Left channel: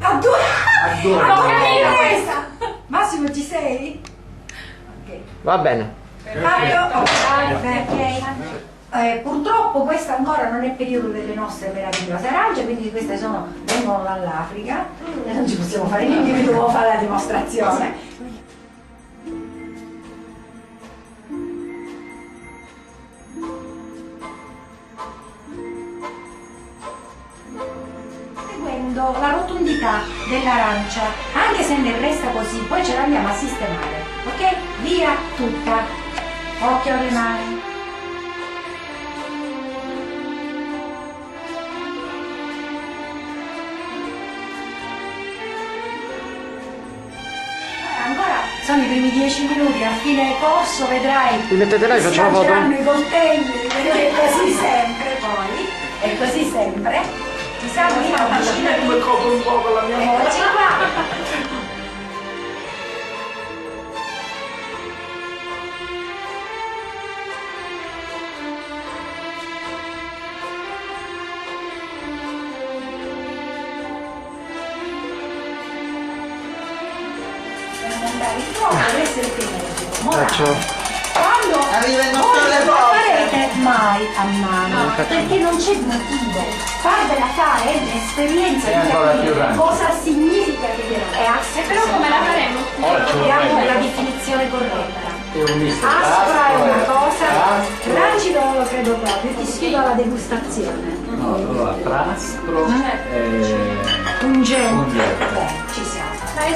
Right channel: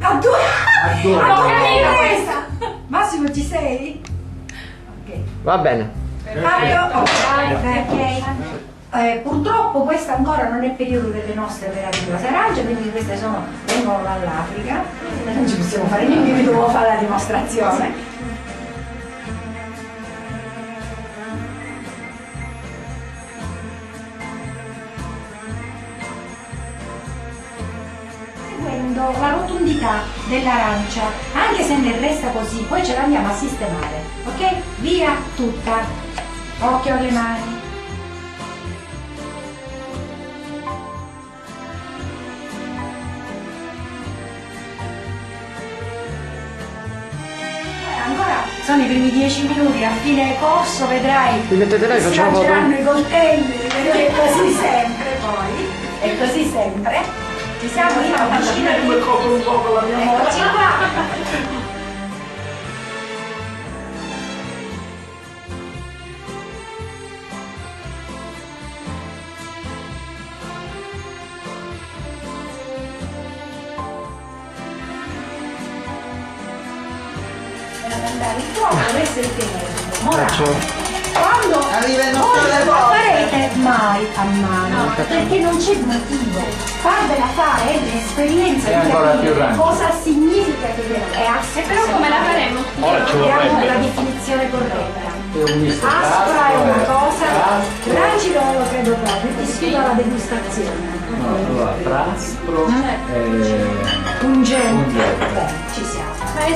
A due! A due. Massimo, ci sei? Ok. Va bene. Fatto? Ok. Purtroppo questo ancora non è periodo delle nostre operative Arancia, quindi queste vengono dall'Africa, non ci possiamo fare niente, quindi dovevo fare la dimostrazione. Seguendo la rotondità dell'arancia, anche se ne resta così, poi ce l'andiamo a sistemare, ok? Via tutta, occhio alle mani. Ancora sono i primi 10 minuti, a fine corso vedrai Mi mettete là e si facciamo foto? lanceranno i coltelli, è così sempre poi, è così sempre. Ci siamo io vicino di Come copro un po' con la mia moto. eccoci qua. Andare fuori, questo è il tenerino. Faccio. Quando Arriva il nostro voi non lavoro. farete mai a mano, perché non c'è motivo. Farvela fare è l'esperienza È di ancora più capire grande. cosa significa che è E però come la faremo? Ora ci Diamo vorrebbe. la definizione corretta. È un misto. Aspra è una cosa, Praspro. rancido non lo credo proprio, ti sfido alla degustazione. No, allora, praspro e Pungente. Pungente. Ci siamo.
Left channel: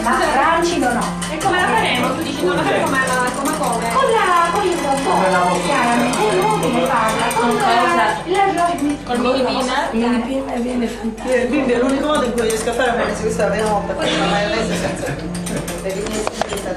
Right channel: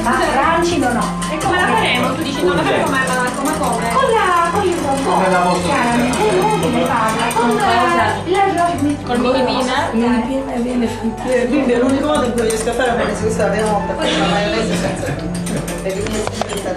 Ma Ma rancido no. E come la faremo? Tu dici non la faremo come come? Con il robot. Come la moto. Chiaramente è inutile farla. Con Col mini pinner? Quindi è l'unico modo in cui riesco a fare una questa è la prima volta, questa maionese senza le mie senza